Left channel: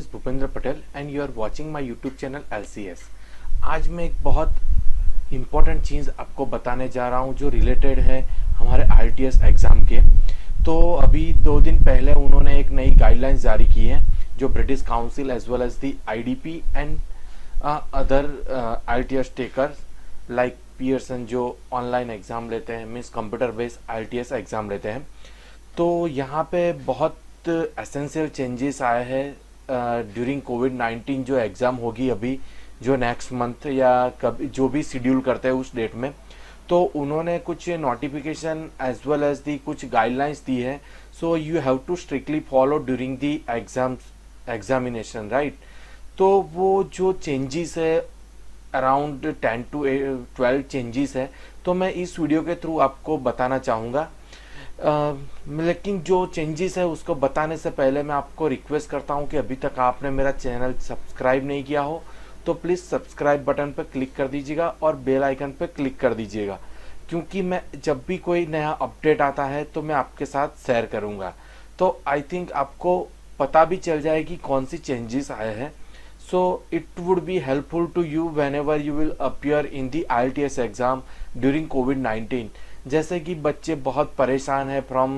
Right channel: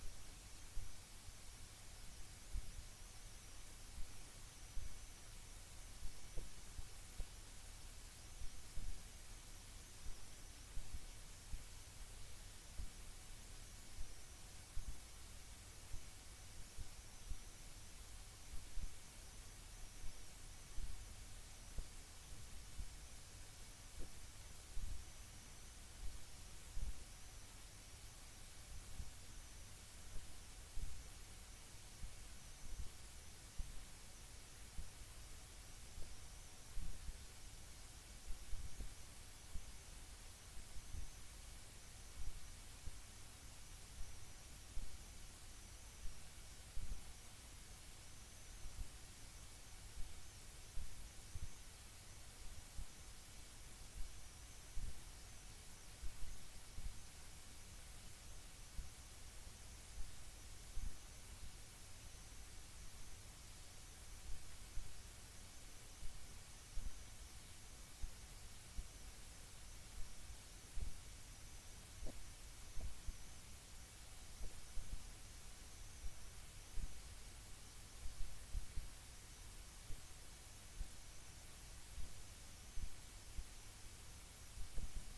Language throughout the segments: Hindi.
is Bhupendra Patel and you are watching my YouTube channel LCS। आज मैं एक बहुत इम्पोर्टेंट चीज़ आपको बताने जा रहा हूँ जो रिलेटेड है हमारे IELTS एग्ज़ाम के। तो अभी 2 दिन पहले उन्होंने एक नई गाइडलाइंस जारी की है जो British Council as well as the IDP and other IELTS takers like Pearson जो ऑनलाइन एग्ज़ाम लेते हैं, means computer based IELTS exam लेते हैं। तो यहाँ पे बहुत एसेंशियल चेंजेस आए हैं ड्यूरिंग कोविड-19 जो एग्ज़ाम होगी अभी जो नेक्स्ट मंथ या कभी जो भी शेड्यूल करते हैं उस डेट में। तो उन्होंने कुछ notification as well as the कुछ गाइडलाइंस दी है। So you have to strictly follow during the examination, right. तो वो जो चेंजेस है अराउंड 10 to 12 चेंजेस है, तो मैं इस वीडियो के थ्रू आपको बताना चाहूँगा। लेकिन जो चेंजेस है उसको बताने से पहले मैं आपको रिक्वेस्ट करता हूं कि अभी तक आपने मेरा चैनल सब्सक्राइब नहीं किया हो तो प्लीज़ सब्सक्राइब बटन पर क्लिक कर दीजिएगा और बेल आइकन पर क्लिक कर दीजिएगा, क्योंकि मैं जब भी कोई नया अपडेट आता है तो मैं आपके साथ शेयर करूंगा। तो आई थिंक आपको पता भी चल जाएगी कौन सी चेंजेस आए हैं। So it would be helpful to you whenever you will appear in the IELTS exam during कोविड-19। जैसे कि बच्चे बहुत परेशान हैं फ्रॉम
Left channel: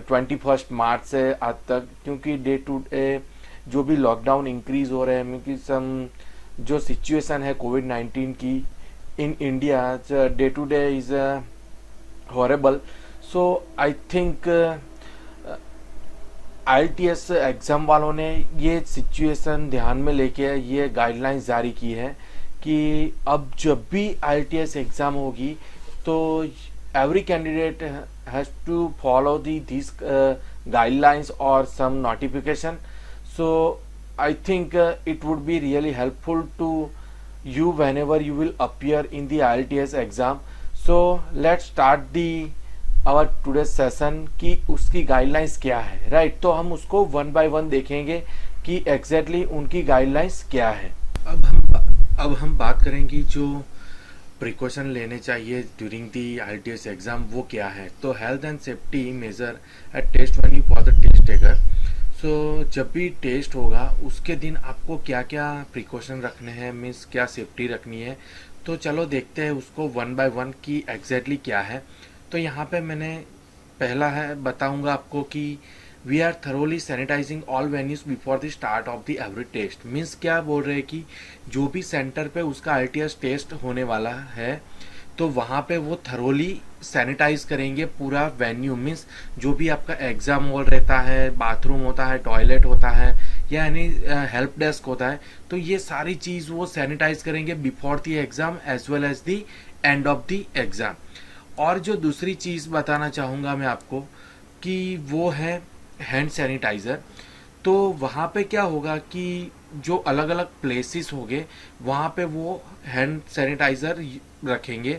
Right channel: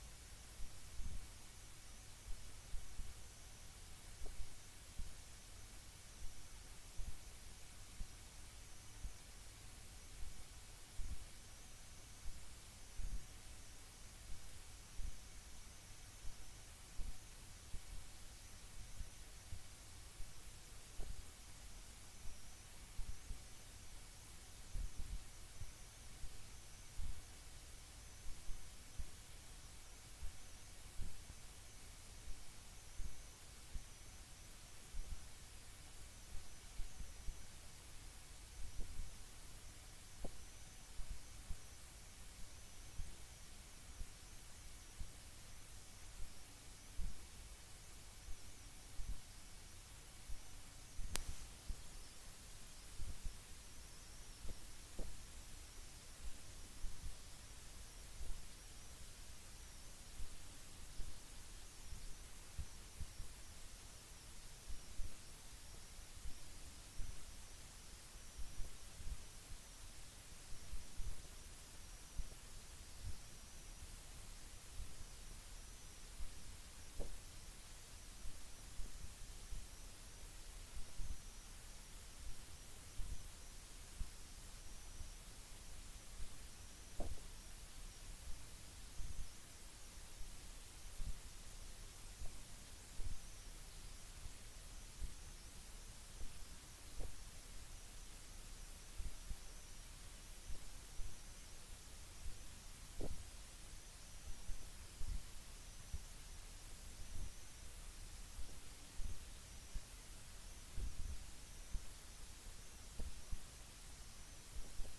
21 मार्च से आज तक, क्योंकि डे टू डे जो भी लॉकडाउन इंक्रीज हो रहे हैं, क्योंकि सम जो सिचुएशन है कोविड-19 की in India day to day is horrible. So I think IELTS exam वालों ने ये सिचुएशन ध्यान में लेके ये गाइडलाइंस जारी की है कि अब जब भी IELTS एग्ज़ाम होगी तो every candidate has to follow these guidelines or some notification. So I think it would be really helpful to you whenever you will appear in the IELTS exam. So let's start the our today's session कि उसकी guidelines क्या है, right? तो हम उसको one by one देखेंगे कि exactly उनकी guidelines क्या है। अब हम बात करेंगे जो प्रिकॉशन लेने चाहिए ड्यूरिंग दी IELTS एग्ज़ाम वो क्या है। तो health and safety measure at test venue for the test taker. So जब भी टेस्ट होगा उसके दिन आपको क्या क्या प्रिकॉशन रखने हैं, मीन्स क्या सेफ्टी रखनी है। तो चलो देखते हैं उसको वन बाय वन की एग्जैक्टली क्या है। तो यहाँ पे मैंने पहला है बताऊँगा आपको कि we are thoroughly sanitising all venues before the start of the every test. मीन्स क्या बोल रहे हैं कि जो भी सेंटर पे उसका IELTS टेस्ट होने वाला है तो वहाँ पे वो थरोली सैनिटाइज करेंगे पूरा वेन्यू। मीन्स जो भी आपका एग्ज़ाम हॉल रहता है, बाथरूम होता है, टॉयलेट होता है या यानी हेल्प डेस्क होता है, तो ये सारी चीज़ वो सैनिटाइज करेंगे before the exam as well as the end of the exam. और जो दूसरी चीज़ बताना चाहूँगा मैं आपको कि वो है हैंड सैनिटाइज़र। तो वहाँ पे क्या होगा कि जो अलग अलग प्लेसेस होंगे वहाँ पे वो हैंड सैनिटाइज़र रखेंगे।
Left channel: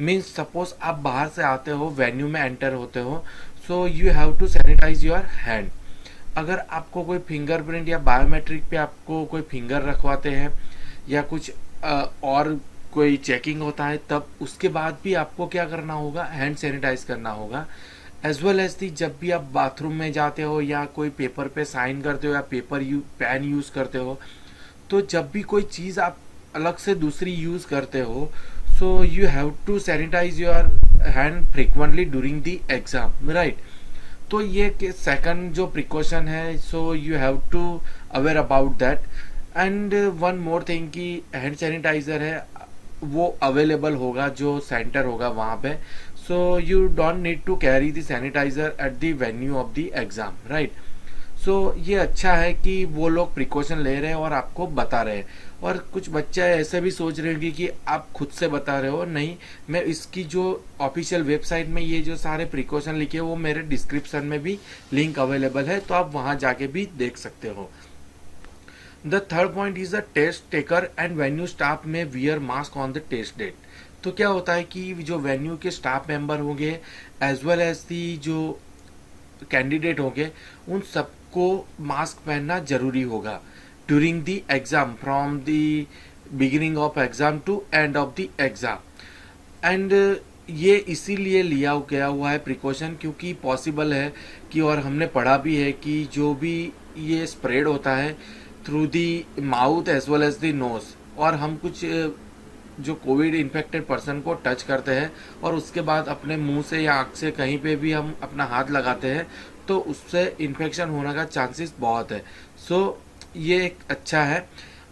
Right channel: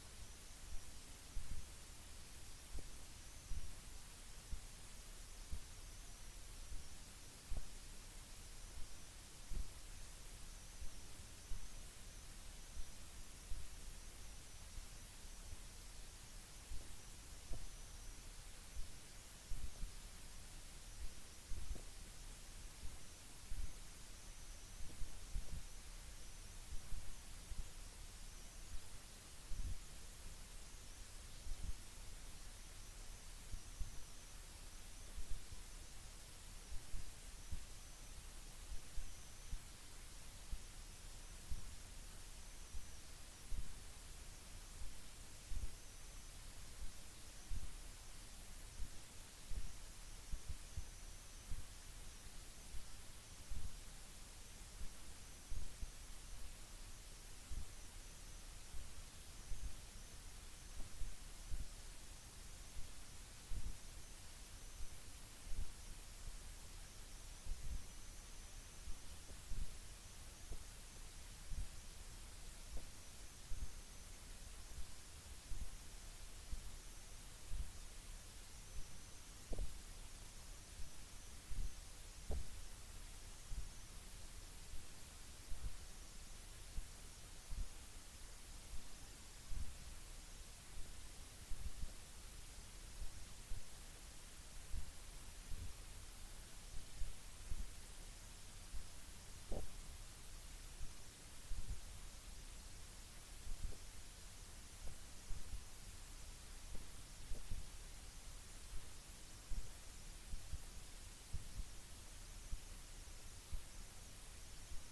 मीन्स सपोज आप बाहर से आते हो, वेन्यू में एंटर होते हो, so you have to sanitise your hand. अगर आपको कोई फिंगरप्रिंट या बायोमेट्रिक पे आपको कोई फिंगर रखवाते हैं या कुछ और कोई चेकिंग होता है, तब उसके बाद भी आपको क्या करना होगा, हैंड सैनिटाइज करना होगा। एज वेल एज दी जब भी आप बाथरूम में जाते हो या कोई पेपर पे साइन करते हो या पेन यूज़ करते हो, तो जब भी कोई चीज़ आप अलग से दूसरी यूज़ करते हो, so you have to sanitise your hand frequently during the exam, right. तो ये सेकंड जो प्रिकॉशन है, so you have to aware about that. And one more thing कि हैंड सैनिटाइज़र है वो अवेलेबल होगा जो सेंटर होगा वहाँ पे। So you don't need to carry the sanitizer at the venue of the exam, right? So ये अच्छा है कि वो लोग प्रिकॉशन ले रहे हैं और आपको बता रहे हैं। और कुछ बच्चे ऐसे भी सोच रहे होंगे कि आप खुद से बता रहे हो, नहीं, मैं इसकी जो ऑफिशियल वेबसाइट में ये जो सारे प्रिकॉशन लिखे वो मेरे डिस्क्रिप्शन में भी लिंक अवेलेबल है, तो आप वहाँ जाके भी देख सकते हो। The third point is the test taker and venue staff में wear mask on the test date. तो क्या होता है कि जो वेन्यू के स्टाफ मेंबर होंगे एज वेल एज दी जो कैंडिडेट होंगे उन सबको मास्क पहनना जरूरी होगा during the exam from the beginning of exam to end of the exam. And ये इसीलिए लिया गया हुआ है प्रिकॉशन क्योंकि पॉसिबल है कि, और हमने पढ़ा भी है कि जो भी ये स्प्रेड होता है through the mouth as well as the nose, और हम कुछ जो कोविड इन्फेक्टेड पर्सन को टच करते हैं और उसके बाद अपने मुंह से या आँख से कहीं पे भी हम अपना हाथ लगाते हैं तो उससे इन्फेक्शन होने का चांसेस बहुत है। सो ये एक अच्छा है।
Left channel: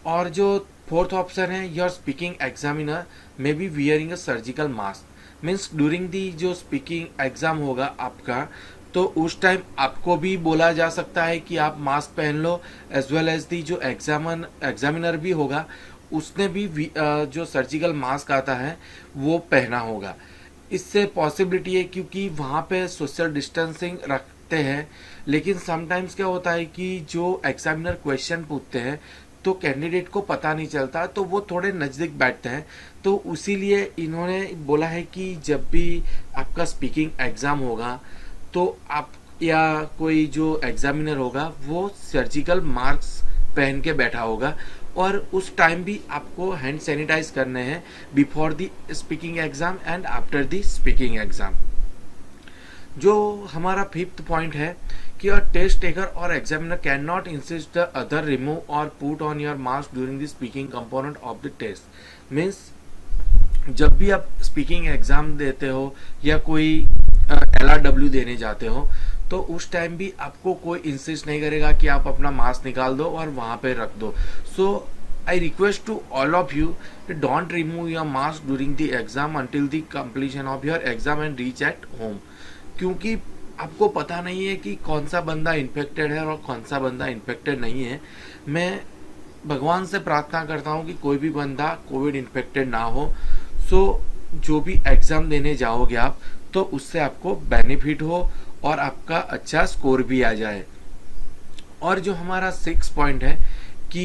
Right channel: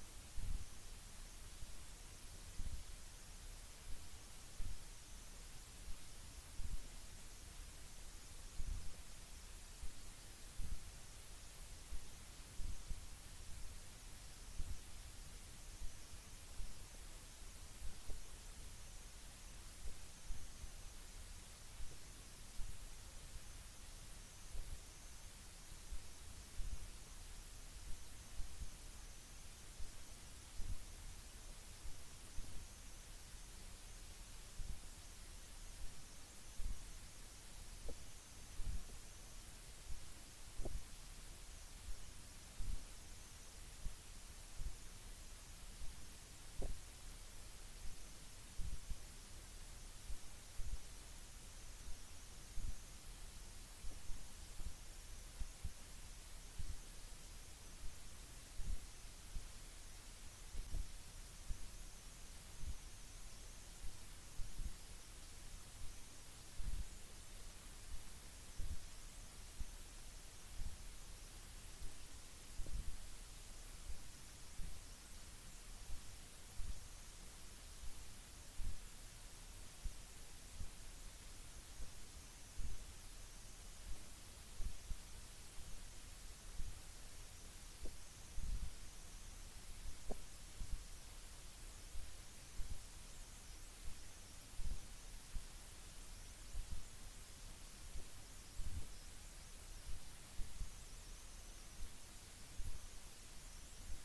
और जो फोर्थ ऑप्शन है, your speaking examiner may be wearing a surgical mask. Means during the जो स्पीकिंग एग्जाम होगा आपका, तो उस टाइम आपको भी बोला जा सकता है कि आप मास्क पहन लो, एज वेल एज दी जो एग्जामिनर भी होगा उसने भी जो सर्जिकल मास्क आता है वो पहना होगा। इससे पॉसिबिलिटी है क्योंकि वहाँ पे सोशल डिस्टेंसिंग रखते हैं, लेकिन समटाइम्स क्या होता है कि जो एग्जामिनर क्वेश्चन पूछते हैं तो कैंडिडेट को पता नहीं चलता, तो वो थोड़े नज़दीक बैठते हैं। तो उसीलिए इन्होंने बोला है कि जब भी आपका स्पीकिंग एग्ज़ाम होगा तो आप या कोई जो एग्जामिनर होगा वो सर्जिकल मास्क पहन के बैठा होगा, और उस टाइम भी आपको हैंड सैनिटाइज करने हैं before the speaking exam and after the speaking exam. जो हमारा फिफ्थ पॉइंट है कि a test taker or examiner can not insist the other remove or put on your mask during the speaking component of the test. Means जब भी आप स्पीकिंग एग्जाम देते हो या कोई LRW देने जाते हो तो उस टाइम भी आपको कोई इंसिस्ट नहीं करेगा कि आप अपना मास्क निकाल दो और वहाँ पे रख दो। So I request to all of you, don't remove your mask during the exam until the completion of your exam and reach at home, क्योंकि आपको पता नहीं है कि कौन सा बंदा इन्फेक्टेड है और कौन सा बंदा इन्फेक्टेड नहीं है। मैं भगवान से प्रार्थना करता हूँ कि कोई भी बंदा कोविड इन्फेक्टेड ना हो। सो जो भी एग्ज़ाम देने जाओगे आप तो उससे आपको बेनिफिट हो और आपका अच्छा स्कोर भी आ जाए। और जो हमारा 6 पॉइंट है कि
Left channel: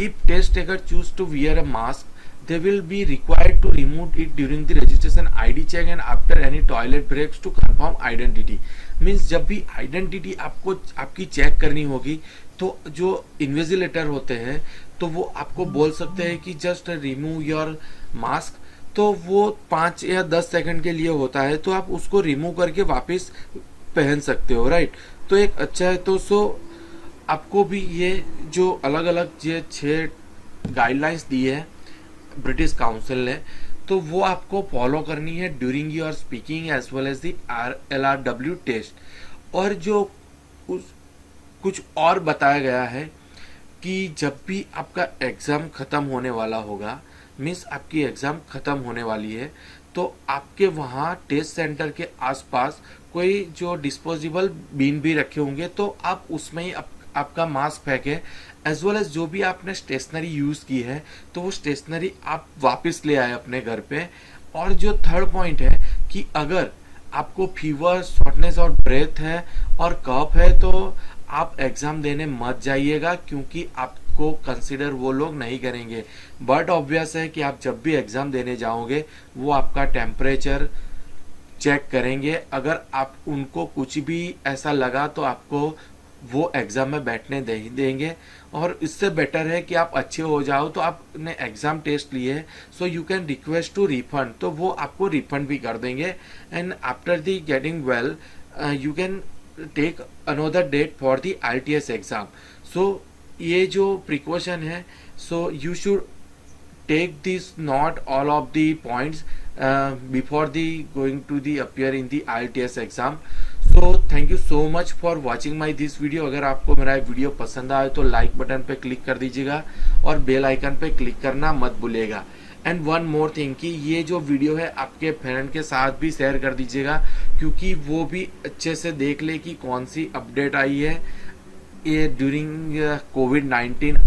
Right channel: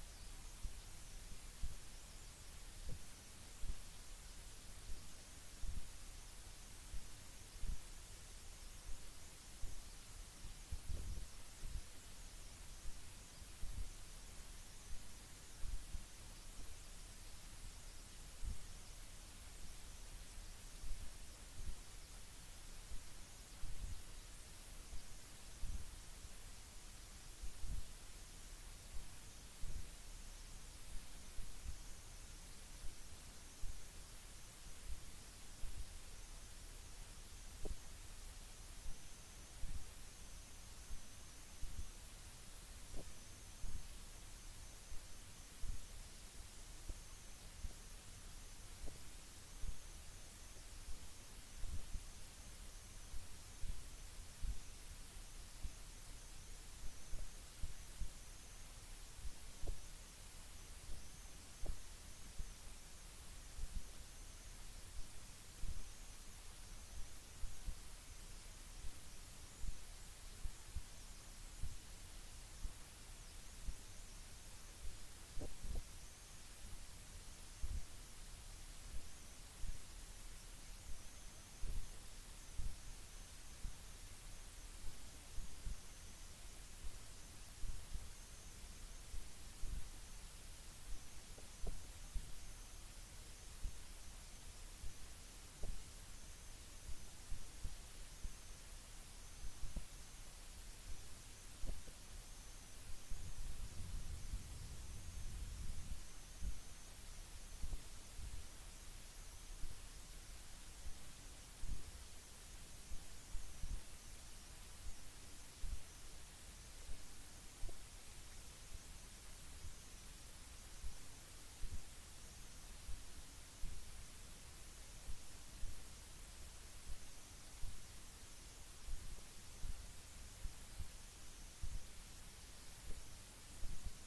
if test taker choose to wear a mask they will be required to remove it during the registration ID check and after any toilet breaks to confirm identity। Means जब भी आइडेंटिटी आपको आपकी चेक करनी होगी तो जो इन्विजिलेटर होते हैं तो वो आपको बोल सकते हैं कि जस्ट रिमूव योर मास्क, तो वो 5 या 10 सेकंड के लिए होता है, तो आप उसको रिमूव करके वापस पहन सकते हो, राइट। तो एक अच्छा है। तो सो आपको भी ये जो अलग अलग ये 6 गाइडलाइंस दी है ब्रिटिश काउंसिल ने, तो वो आपको फॉलो करनी है during your speaking as well as the LRW test. और जो कुछ और बताया गया है कि जब भी आपका एग्ज़ाम ख़त्म होने वाला होगा, मीन्स आपकी एग्ज़ाम ख़त्म होने वाली है, तो आपके वहाँ टेस्ट सेंटर के आसपास कोई जो डिस्पोजेबल बिन भी रखे होंगे तो आप उसमें ही आपका मास्क फेंकें, एज वेल एज जो भी आपने स्टेशनरी यूज़ की है तो वो स्टेशनरी आप वापस ले आए अपने घर पे। और जो थर्ड पॉइंट है कि अगर आपको फीवर, शॉर्टनेस और ब्रेथ है और कफ है तो आप एग्ज़ाम देने मत जाइएगा, क्योंकि आपको कंसिडर वो लोग नहीं करेंगे। बट ऑब्वियस है कि आप जब भी एग्ज़ाम देने जाओगे वो आपका टेम्परेचर चेक करेंगे। अगर आप उनको कुछ भी ऐसा लगा तो आपको वो एग्ज़ाम में बैठने देंगे। और इससे बेटर है कि आप अच्छे हो जाओ, तो आपने एग्ज़ाम टेस्ट लिए so you can request to refund, तो वो आपको रिफंड भी कर देंगे। And after the getting well you can take another date for the IELTS exam. So ये जो प्रिकॉशन है, so you should take this not all of the points before the going to the appear in the IELTS exam। so thank you so much for watching my this video। अगर आपको मेरा वीडियो पसंद आए तो लाइक बटन पे क्लिक कर दीजिएगा और बेल आइकन पे क्लिक करना मत भूलिएगा। एंड वन मोर थिंग कि ये जो वीडियो है आपके फ्रेंड के साथ भी शेयर कर दीजिएगा, क्योंकि वो भी अच्छे से देख ले कि कौन सी अपडेट आई है ये ड्यूरिंग कोविड-19।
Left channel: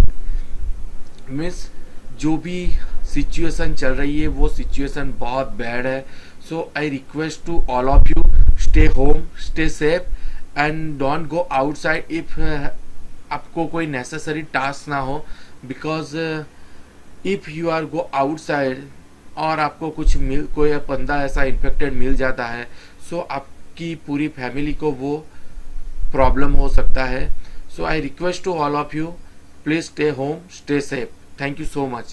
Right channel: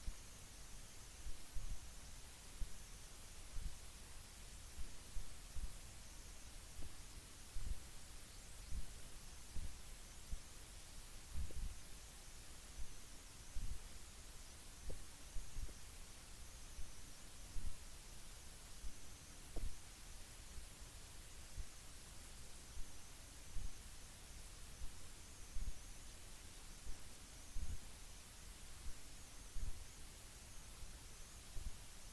मीन्स जो भी सिचुएशन चल रही है वो सिचुएशन बहुत बैड है। So I request to all of you, stay home, stay safe and don't go outside if आपको कोई नेसेसरी टास्क ना हो, because if you are go outside और आपको कोई बंदा ऐसा इन्फेक्टेड मिल जाता है, सो आपकी पूरी फैमिली को वो प्रॉब्लम हो सकता है। So I request to all of you, please stay home, stay safe. Thank you so much।